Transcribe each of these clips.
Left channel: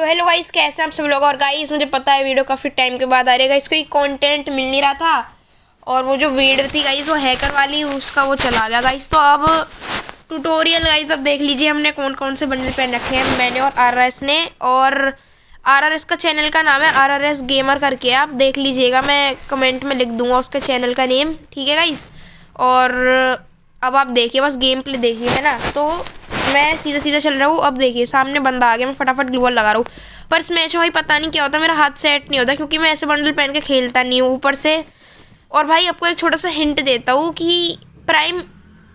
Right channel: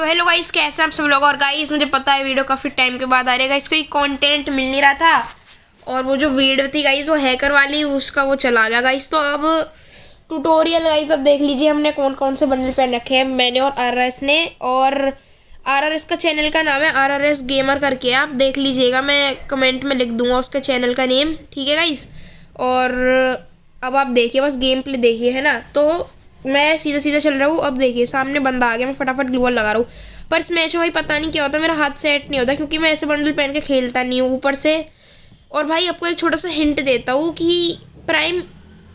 तो hello guys, कैसे हैं आप सब लोग। और गाइस मुझे पता है वीडियो काफ़ी टाइम के बाद आ रही है गाइस, कोई कंटेंट मिल नहीं रहा था। और वो जो वीडियो थी गाइस वो हैकर वाली, उसका वो चला गया गाइस। तो अब ट्यूटोरियल गाइस, अब देख लीजिए हमने कौन कौन से बंडल पहन रखे हैं, मैंने और RRS ने। और RRS का चैनल का नाम है RRS गेमर करके, आप देख लीजिएगा, मैं कमेंट में लिख दूंगा उसके चैनल का नेम, ठीक है गाइस। और अब आप देखिए, बस गेम प्ले देखिए, है ना। तो मैं सीधा सीधा चल रहा हूँ। अब देखिए सामने बंदा आ गया, मैं फटाफट ग्लू वॉल लगा रहा हूँ। पर इस मैच में भाई पता नहीं क्या होता, मेरा हाथ सेट नहीं होता, क्योंकि मैं ऐसे बंडल पहन के खेलता नहीं हूँ ऊपर से। और भाई आपको एक छोटा सा हिंट देता हूँ कि प्राइम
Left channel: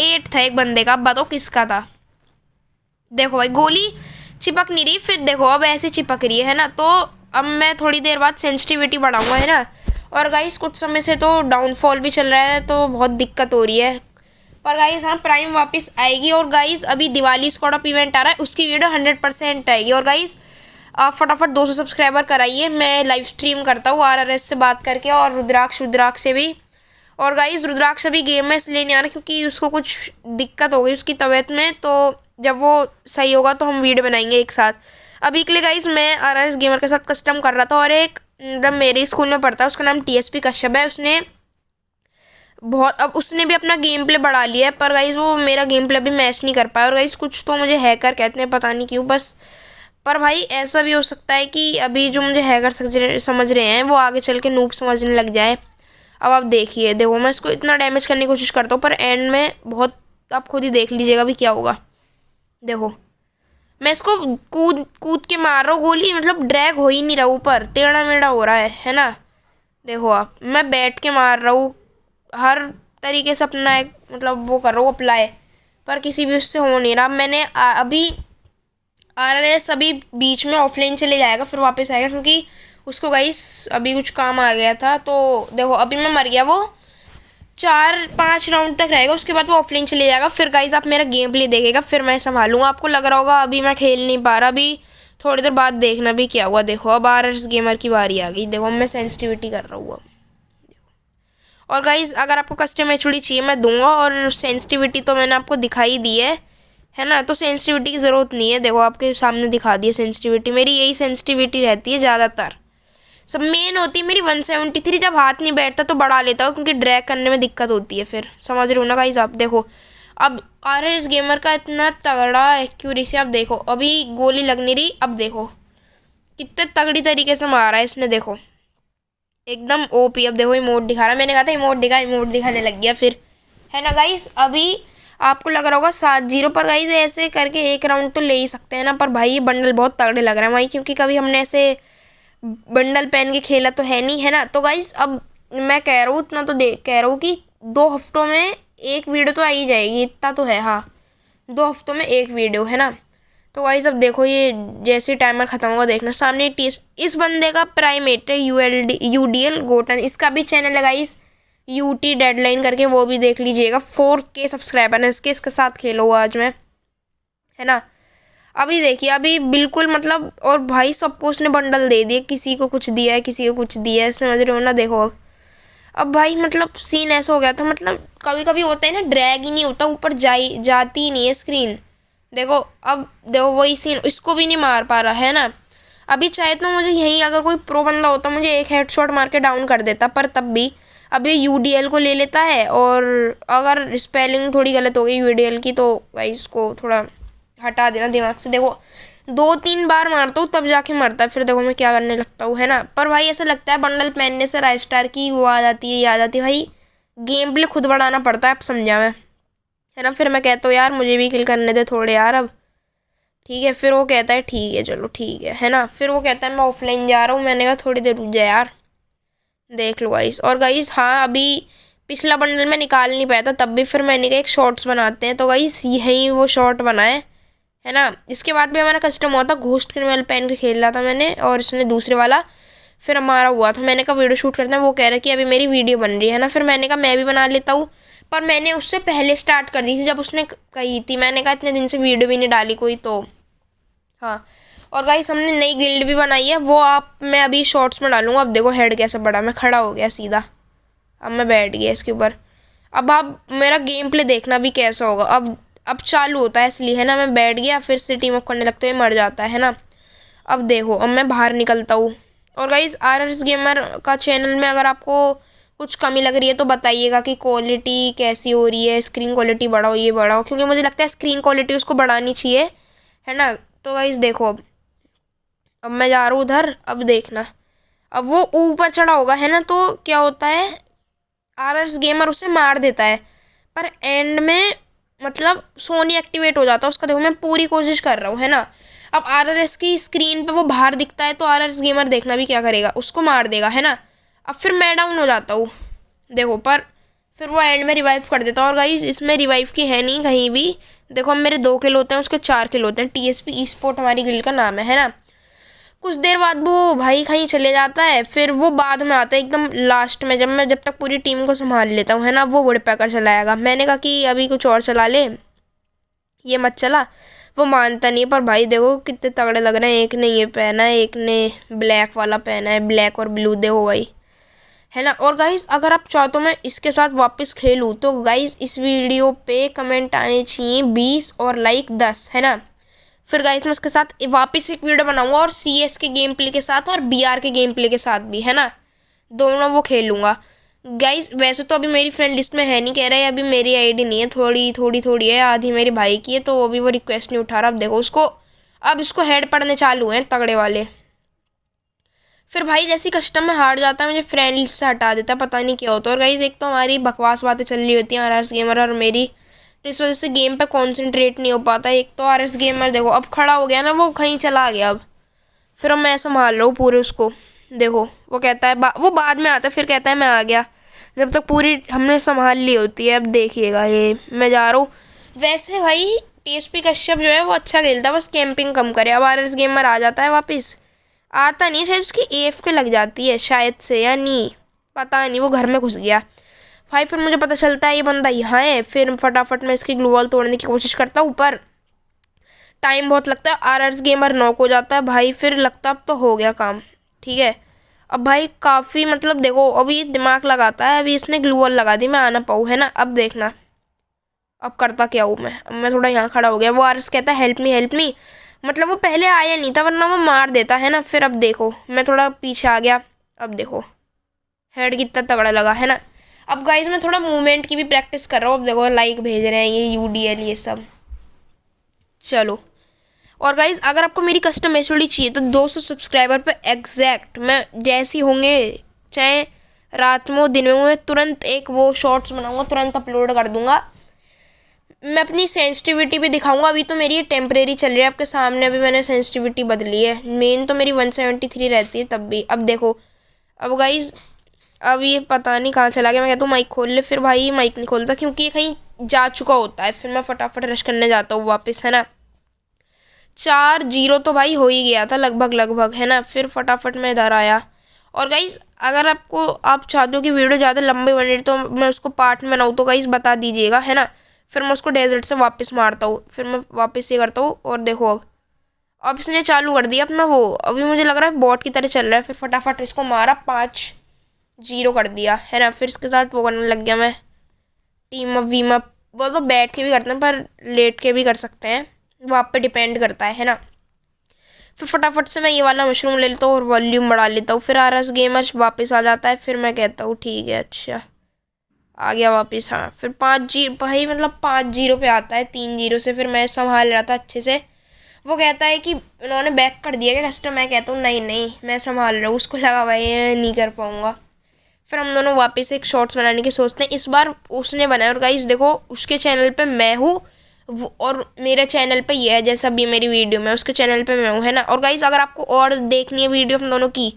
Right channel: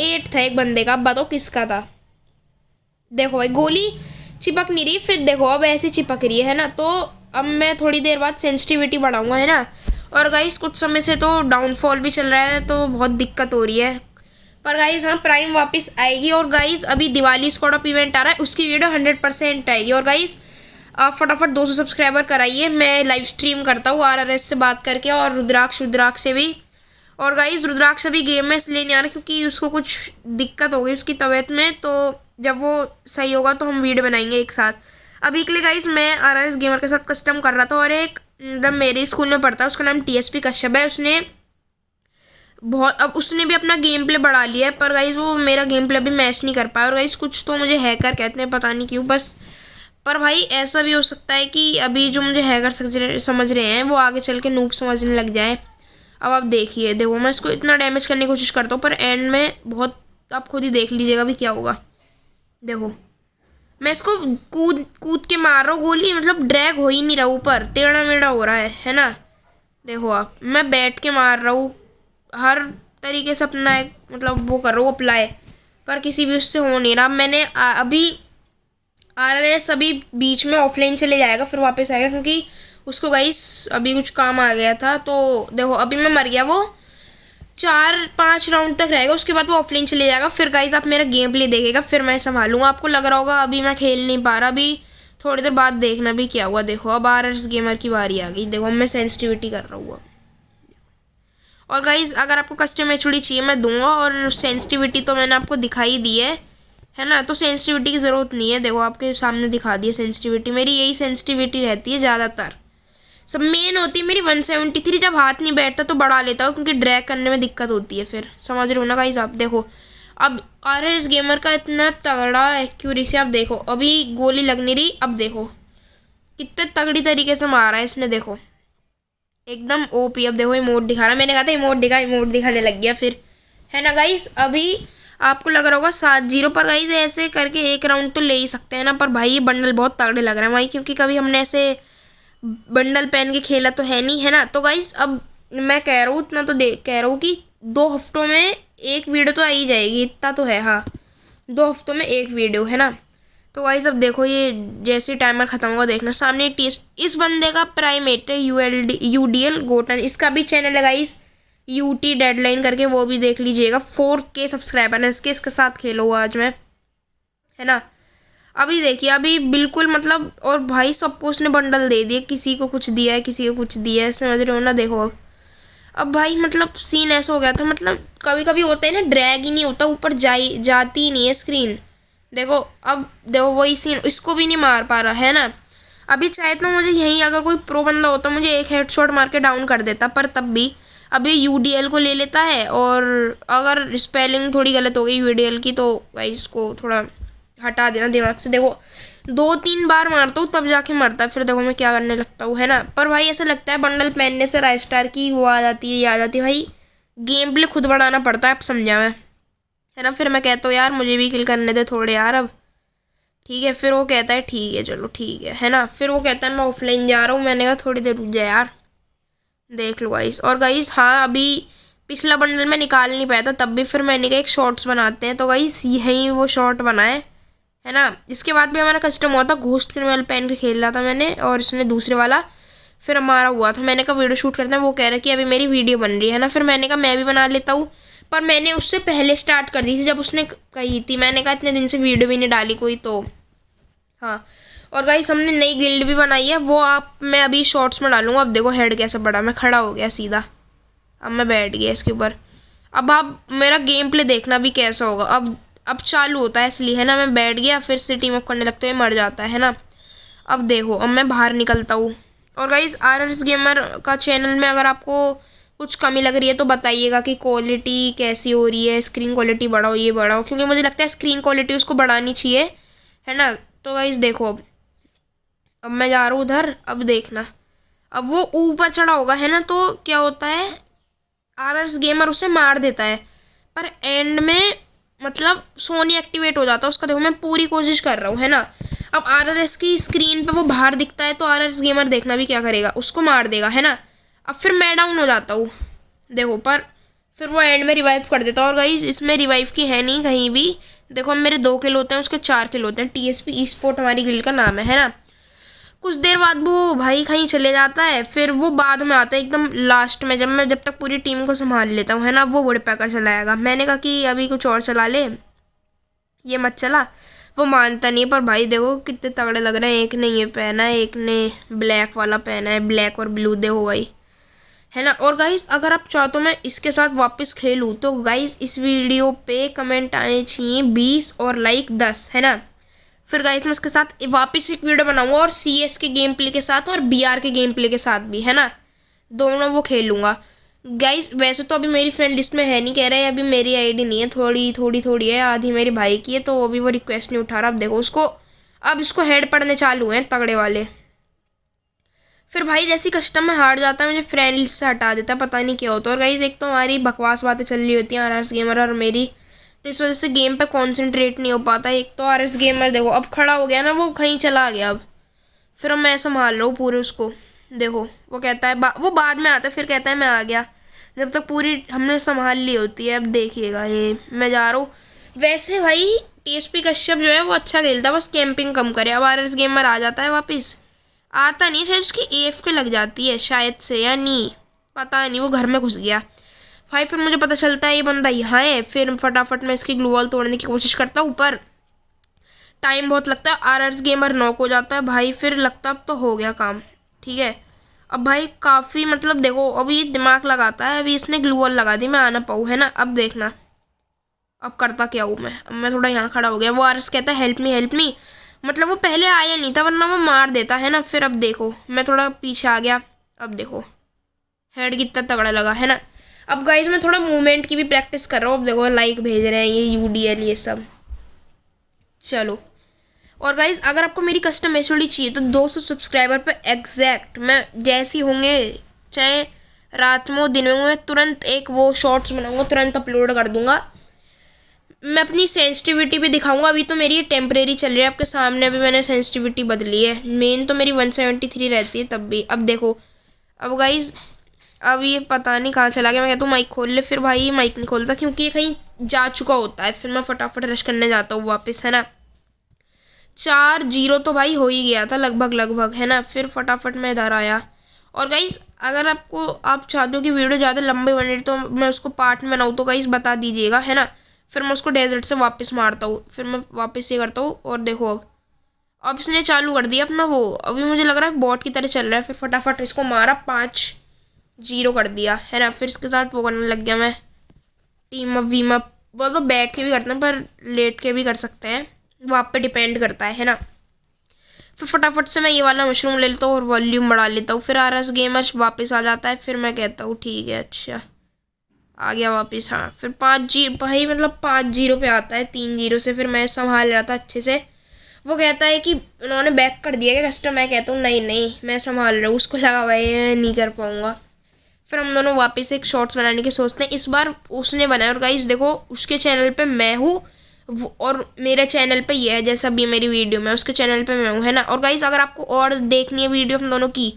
8 था एक बंदे का, अब बताओ किसका था। देखो भाई गोली चिपक नहीं रही, फिर देखो अब ऐसे चिपक रही है ना। तो अब मैं थोड़ी देर बाद सेंसिटिविटी बढ़ाऊंगा, है ना। और गाइस कुछ समय से तो डाउनफॉल भी चल रहा है, तो बहुत दिक्कत हो रही है। पर गाइस हाँ, प्राइम वापस आएगी। और गाइस अभी दिवाली स्क्वाड अप इवेंट आ रहा है, उसकी वीडियो 100% आएगी। और गाइस आप फटाफट 200 सब्सक्राइबर कराइए, मैं लाइव स्ट्रीम करता हूँ RRS से बात करके, और रुद्राक्ष से भी। और गाइस रुद्राक्ष अभी गेम में इसलिए नहीं आ रहा क्योंकि उसको कुछ दिक्कत हो गई उसकी तबीयत में, तो जब वो सही होगा तो हम वीडियो बनाएंगे एक साथ। अभी के लिए गाइस मैं RRS गेमर के साथ कस्टम कर रहा था, और एक मतलब मेरे स्कूल में पढ़ता है, उसका नाम TSP कश्यप है। उसने बहुत, अब उसने भी अपना गेम प्ले बढ़ा लिया है, पर गाइस वो मेरा गेम प्ले अभी मैच नहीं कर पाया। और गाइस कुछ तो मुझे हैकर कहते हैं, पता नहीं क्यों बस। पर भाई ऐसा भी हो सकता है कि अभी जो मुझे हैकर समझ रहे हैं वो आगे चल के नूब समझने लग जाए। अब आप देखिए, देखो मैं इसको इतना डैमेज करने की कोशिश करता हूँ, पर एंड में बहुत, आप खुद ही देख लीजिएगा भी क्या होगा। देखो मैं इसको कूद कूद के मार रहा हूँ गोली, मतलब ड्रैग हो ही नहीं रहा, ऊपर टेढ़ा मेढ़ा हो रहा है ना। देखो आप, मैं बैठ के मार रहा हूँ, हर तरीके से अपना एक मतलब वो कर रहा हूँ अप्लाई, पर किसी भी उससे हो नहीं रहा। मैंने अभी RRS अभी बीच में ऑफलाइन चले जाएगा, फिर वापस आएगा, क्योंकि उसको गाइस अभी कुछ काम आ गया था। तो देखो अभी मैं मर गया, वो 4-5 राउंड तक रहेगा, उसके बाद वो ऑफलाइन चले जाएगा। फिर गाइस आप मेरा गेम प्ले देखेगा, फिर मैं संभालूंगा। आपको लग रहा होगा अभी मैं खेल नहीं पा रहा, अभी थोड़ी देर बाद देखना भी क्या हुआ। देखो अब RRS गेमर की बारी आ गई, देखो मैं सेंसिटिविटी कर रहा हूँ। और गाइज़ अगर आपको कस्टम HUD चाहिए मैं दूंगा, और सेंसिटिविटी तो मैंने आपको दिखाई दी है ना। तो सेंसिटिविटी की ज़रूरत नहीं है, देखो आपके सामने दिखा दी है सेंसिटिविटी, मेरी यही सेंसिटिविटी रहती है ज़्यादातर। सब मेन होती है मेरी 173, जब हाथ नहीं बैठता तो बढ़ा लेता हूँ, क्योंकि ड्रैग करने में दिक्कत होती है, फिर समझ रहे हो ना गाइज़ आप। देखो अब RRS गेमर का इतना तगड़ा एक्यूरेसी, आप देखो अभी गोली लग नहीं रही, अब देखो कितने तगड़ी तरीके से मारा है इसने, देखो एकदम OP। अब देखो इमोट दिखा रहा है, मैंने कहा था इमोट दिखाने लग गया फिर, है ना गाइस। अभी आपको लग रहा होगा 7-0, पर गाइस ऐसे करके एक राउंड तो ले ही सकते हैं ना। पर भाई ये बंडल बहुत तगड़े लग रहे हैं भाई, क्योंकि कभी हमने ऐसे बंडल पहन के खेला तो है नहीं, है ना। तो गाइस अब मैं कह रहा हूँ इतना तो कह रहा हूँ कि 2 हफ्तों में एक वीडियो तो आ ही जाएगी, इतना तो है। हाँ 2 हफ्तों में एक वीडियो, है ना। तो गाइस अब देखो ये जैसे टाइमर ख़त्म होगा, देखना सामने इस बंदे का प्राइमेट है UDL गोटन, इसका भी चैनल है गाइस UT डेडलाइन करके, वो भी देख लीजिएगा। 4K सब्सक्राइबर है इसके साथ खेलो आज मैं, है ना। अभी देखिए अभी बिल्कुल मतलब, और भाई सबको उसने बंडल दे दिए, किसी को कुछ दिया है किसी को कुछ दिया है, समझ रहे हो ना। देखो अब भाई मतलब सीन ऐसा हो गया था, मतलब कभी कभी होता है ना, ड्रैग ही नहीं होता, ऊपर जाती ही नहीं है स्क्रीन। देखो अब देखो वही सीन, इसको भी नहीं मार पा रहा है ना। अभी चाहे तो मुझे यहीं अगर कोई प्रो बंदा होता मुझे एक हेडशॉट मार के डाउन कर देता, पर तब भी अभी UDL को ले लेता है। और अगर स्पेलिंग थोड़ी गलत हो गई UDL की, तो भाई इसको थोड़ा हटा देना दिमाग से। देखो 2-3 बार मारता हूँ तब जाके मरता है, फिर देखो मैं क्या करने लगता हूँ, है ना। पर भाई ऐसा लगता है बंडल पहनने से राइस्टार की वो आ जाती है, ये आ जाती है भाई, गेम प्ले खुद बढ़ाना पड़ता है, अब समझा मैं, है ना। फिर मैं कहता हूँ यार मुझे भी किल करने दे थोड़े यार, अब ठीक है। फिर वो कहता है ठीक है चलो ठीक है ना। फिर वो कहता है मैं ऑफलाइन जा रहा हूँ, मैंने कहा थोड़ी देर रुक जा यार, देख लो गाइस। और गाइस हाँ अभी पिछला बंडल में निकाल नहीं पाया था, तब भी फिर मैंने कहा एक शॉर्ट्स बनाते हैं, तो गाइस यहीं वो शॉर्ट बनाए, है ना। इसके बाद भी हमारा कस्टम हुआ था, घोस्ट क्रिमिनल पहन के खेल रहा था मैंने और इसने दूसरे वाला, फिर हमारा हुआ था। मैंने कहा वीडियो शूट करते हैं, वो कह रहा है कि अभी मेरी वीडियो बन रही है ना। फिर मैंने कहा मैं भी बना लेता हूँ, पर मैंने उससे पहले स्टार्ट कर दी थी जब उसने कही थी, मैंने कहा इतने दिन से वीडियो भी नहीं डाली कोई, तो हाँ। और गाइस हमने नई गिल्ड भी बनाई है, वो आप मैं अभी शॉर्ट्स में डालूंगा। अब देखो हेड कैसा बड़ा, मैं खड़ा हो गया सीधा, अब मैं बैठ गया इसके ऊपर। अब आप मेरा गेम प्ले देखना भी कैसा होगा। अब चालू होता है इसलिए, है ना, मैं बैठ गया, फिर से टीम अप करने लगते हुए मर जाता है ना। अब देखो, अब मैं बाहर निकलता हूँ। और गाइस RRS गेमर का चैनल में अगर आपको कुछ कमी लग रही है तो बताइएगा कि क्वालिटी कैसी हो रही है, स्क्रीन क्वालिटी बढ़ाओ, ये बढ़ाओ, क्योंकि मुझे लगता है स्क्रीन क्वालिटी उसको बढ़ानी चाहिए, है ना। तो गाइस देखो, अब मैं जा रहा हूँ उधर। अब देखना, अब वो ऊपर चढ़ा होगा, है ना। तो क्या होता है, RRS गेमर उसे मार देता है, पर एंड में मतलब सोनी एक्टिवेट हो जाता है उसका। देखो मैं पूरी कोशिश कर रहा हूँ, है ना। अब RRS की स्क्रीन पे वो बाहर दिखता है, तो RRS गेमर देखना भी क्या करेगा, उसको मार देगा, है ना। अब फिर मैं डाउन हो जाता हूँ, देखो, पर फिर वो एंड में रिवाइव कर देता है। और गाइस इसमें रिवाइव की है नहीं कहीं भी। देखो, अब मेरे 2 किल होते हैं, उसके 4 किल होते हैं। TSP ई स्पोर्ट हमारी गिल्ड का नाम है ना। कुछ देर बाद वो भाई कहीं चले जाता है, फिर वो बाद में आता है एकदम लास्ट में, जब तक पूरी टीम को संभाल लेता हूँ, है ना। वो वुडपैकर चलाएगा। मैंने कहा कि अभी कुछ और चला ले, ये मत चला। वो मानता नहीं, पर भाई देखो कितने तगड़े लग रहे हैं। एक ने ये पहना है, एक ने ब्लैक वाला पहना है, ब्लैक और ब्लू, देखो भाई, है ना। और गाइस अगर आप चाहो तो मैं इसके साथ वापस खेलूँ, तो गाइस इस वीडियो पे कमेंट आने चाहिए 20 और लाइक 10, है ना। फिर गाइस मैं उसके साथ वापस एक वीडियो बनाऊंगा, और CS के गेम प्ले के साथ और BR के गेम प्ले के साथ भी, है ना। दोनों वो खेलूंगा। गाइस वैसे तो अभी मेरी फ्रेंड लिस्ट में है नहीं, कह रहा है अभी मेरी आईडी नहीं है, थोड़ी है, आधी मेरे भाई की है, तो अभी वो रिक्वेस्ट नहीं उठा रहा। अब देखो उसको, अब इसको हेड पड़ने चालू हैं तगड़े वाले। फिर भाई जैसी कस्टम में हार जाता है, मुझे फ्रेंड लिस्ट से हटा देता है, पता नहीं क्या होता है। और गाइस एक तो हमारी बकवास बातें चल रही होती हैं RRS गेमर और मेरी, तो इस वजह से गेम पे कंसंट्रेट नहीं हो पाता। एक तो RRS गेमर देखो अब खड़ा हो गया ना, वो कहीं चला गया। अब फिर अब मैं संभाल रहा हूँ पूरे उसको। देखो वो कहता है वो बाद में आता है, फिर कहता है मैं आ गया, जब तक पूरी हमने संभाल ली होती है। अब देखिएगा, ये मैं जा रहा हूँ। वैसे भाई TSP कश्यप जो है वो अच्छा खेलता है, बस कैंपिंग कम करे। अब RRS गेमर आ जाता है वापस, आता नहीं, शायद उसकी AFK लग जाती है शायद से, या नहीं पता नहीं, वो घर में घुस गया भाई। फिर मुझे पता चलता है ये बंदा यहाँ है, फिर फटाफट मैं इसकी ग्लू वॉल तोड़ने की कोशिश करता हूँ, पर टाइम बहुत लगता है। RRS गेमर नॉक हो जाता है भाई, फिर लगता अब तो हो गया काम, ठीक है। अब भाई काफ़ी मतलब देखो, अभी दिमाग लगाता है, अभी इसने ग्लू वॉल लगा दी, मैं आ ना पाऊँ, है ना। अब देखना अब करता क्या हूँ मैं। अब मैं थोड़ा यहाँ खड़ा हो गया, वो RRS कहता है हेल्प मी, मतलब वो पहले आया नहीं था, वरना वो मार देता, है ना। फिर अब देखो मैं थोड़ा पीछे आ गया, अब देखो हेड कितना तगड़ा लगा, है ना। अब गाइस मैं थोड़ा मूवमेंट की भी प्रैक्टिस कर रहा हूँ। अब देखो लाइक भेज रहे हैं ये UDL ये सब, चलो। और गाइस अगर आपको मेरी कस्टम एचओडी चाहिए तो 200 सब्सक्राइबर पे एग्जैक्ट मैं जैसी होंगे, चाहे रात में हो दिन में हो, मैं तुरंत एक वो शॉर्ट्स बनाऊंगा, तुरंत अपलोड कर दूंगा। मैं अपनी सेंसिटिविटी भी दिखाऊंगा। अभी तो मेरी ये टेम्परेरी चल रही है आपके सामने, अभी मैंने सेंसिटिविटी बदली है, मेन तो मेरी 173 रहती है तब भी। अब देखो, अब गाइस अब ये पता नहीं कहाँ चला गया। मैं कहता हूँ माइक खोल ले, फिर भाई ये माइक नहीं खोलता क्योंकि ये कहीं जा चुका होता है। फिर मैं फटाफट रश करने जाता हूँ वापस, है ना। 4-0 तो भाई हो ही गया था लगभग, है ना। फिर फटाफट मैं इधर आया। और गाइस अगर आप चाहते हो कि वीडियो ज़्यादा लंबी बने तो मैं उसको पार्ट में बनाऊँ, तो गाइस बता दीजिएगा, है ना। फिर मैं उसको डेजर्ट से वापस मारता हूँ, फिर मैं वापस ये करता हूँ। और देखो अब इसने चालू कर दिया अपना वो, अभी मुझे लग रहा है बॉट की तरह चल रहा है। फिर फटाफट इसको मारा, 5-0 कर दिया, है ना। फिर इसके साथ वो करने लग गया मैं, टीम अप वीम अप। वो तो बैठ के भी करते हैं, पर लेट के भी कर सकते हैं, वो आप पे डिपेंड करता है ना। फिर फटाफट से मैं ये वाला मशरूम ले लेता हूँ और वॉल्यूम बढ़ा लेता हूँ। फिर RRS गेमर वापस आ जाता है, फिर मैं कहता हूँ ठीक है, अच्छा आ गया वापस। हाँ फिर 5-0 भाई, मतलब 5-0 पे आता है 3-0 से। फिर मैं संभाल रहा था अच्छे से। वो कहता है कि उन्होंने बैक कर दिया क्या कस्टम, मैं कहता हूँ नहीं मैं संभाल रहा हूँ। उसको लगा भाई नहीं कर पाऊँगा। फिर हम दोनों वापस एक शॉर्ट्स बनाने की सोचते हैं। इस बार उसने बनाया, और गाइस देखो उसके चैनल पे मैं हूँ और मेरे चैनल पे ये है, जैसा भी मेरी वीडियो में उसके चैनल पे मैं हूँ, है ना। और गाइस अगर आपको और देखनी है वीडियो हम दोनों की,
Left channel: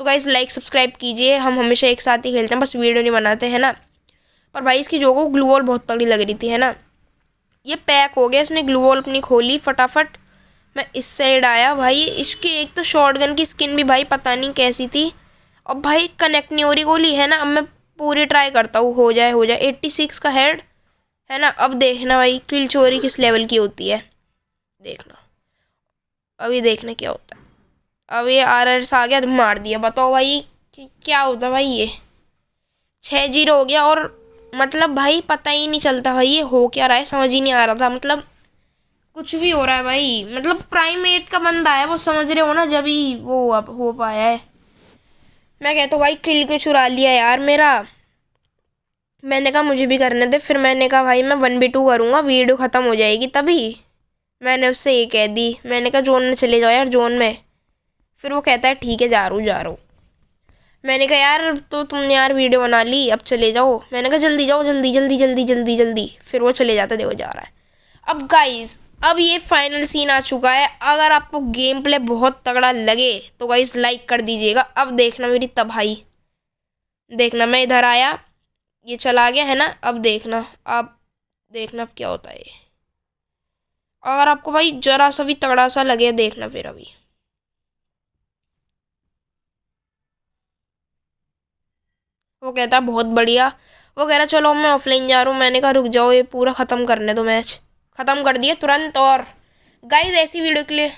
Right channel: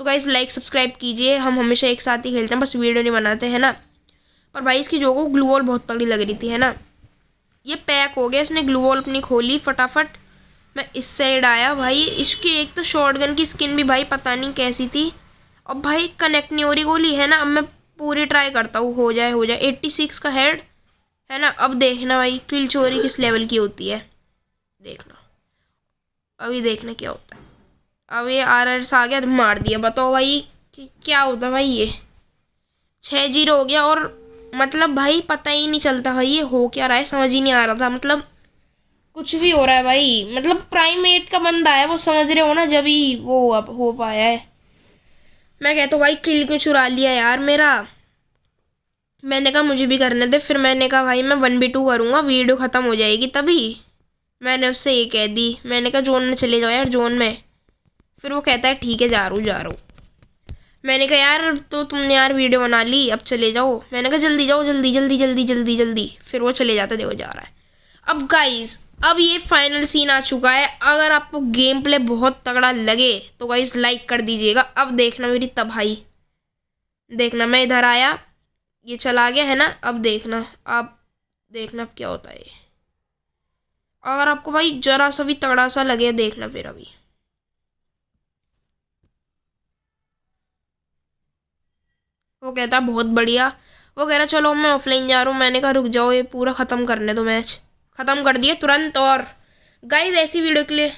तो गाइस लाइक सब्सक्राइब कीजिए। हम हमेशा एक साथ ही खेलते हैं, बस वीडियो नहीं बनाते, है ना। पर भाई इसकी जो को ग्लू वॉल बहुत तगड़ी लग रही थी, है ना। ये पैक हो गया, इसने ग्लू वॉल अपनी खोली। फटाफट मैं इस साइड आया भाई। इसकी एक तो शॉटगन की स्किन भी भाई पता नहीं कैसी थी। अब भाई कनेक्ट नहीं हो रही गोली, है ना। अब मैं पूरी ट्राई करता हूँ, हो जाए 86 का हेड, है ना। अब देखना भाई किल चोरी किस लेवल की होती है, देखना अभी देखना क्या होता है। अब ये RRS आ गया तो मार दिया, बताओ भाई क्या होता भाई। ये 6-0 हो गया। और मतलब भाई पता ही नहीं चलता भाई ये हो क्या रहा है, समझ ही नहीं आ रहा था। मतलब कुछ भी हो रहा है भाई, मतलब प्राइमेट का बंदा है वो, समझ रहे हो ना, जब ही वो अब हो पाया है। मैं कहता हूँ भाई किल क्यों चुरा लिया यार मेरा। मैंने कहा मुझे भी करने दे, फिर मैंने कहा भाई मैं 1v2 करूँगा, वीडियो ख़त्म हो जाएगी तभी। मैंने उससे ये कह दी, मैंने कहा जोन में चले जाओ यार, जोन में। फिर वो कहता है ठीक है जा रहा हूँ जा रहा हूँ। मैंने कहा यार तो तुमने यार वीडियो बना ली, अब चले जाओ। मैंने कहा जल्दी जाओ, जल्दी जल्दी जल्दी जल्दी जल्दी। फिर वो चले जाता, देखो जा रहा है। अब गाइस, अब ये फाइनल सीन आ चुका है। अगर आपको गेम प्ले बहुत तगड़ा लगे तो गाइस लाइक कर दीजिएगा। अब देखना मेरी तबाही, देखना मैं इधर आया, ये चला गया है ना, अब देखना, अब देखना अब क्या होता है ये। अगर आपको भाई जरा सा भी तगड़ा सा लगे, देखना फिर अभी। वो कहता है बहुत बढ़िया। वो कह रहा चलो मैं ऑफलाइन जा रहा हूँ। मैंने कहा रुक जाओ, ये पूरा ख़त्म करने दो मैच। ख़त्म कर दिया तुरंत। और गाइस ऐसी वीडियो के लिए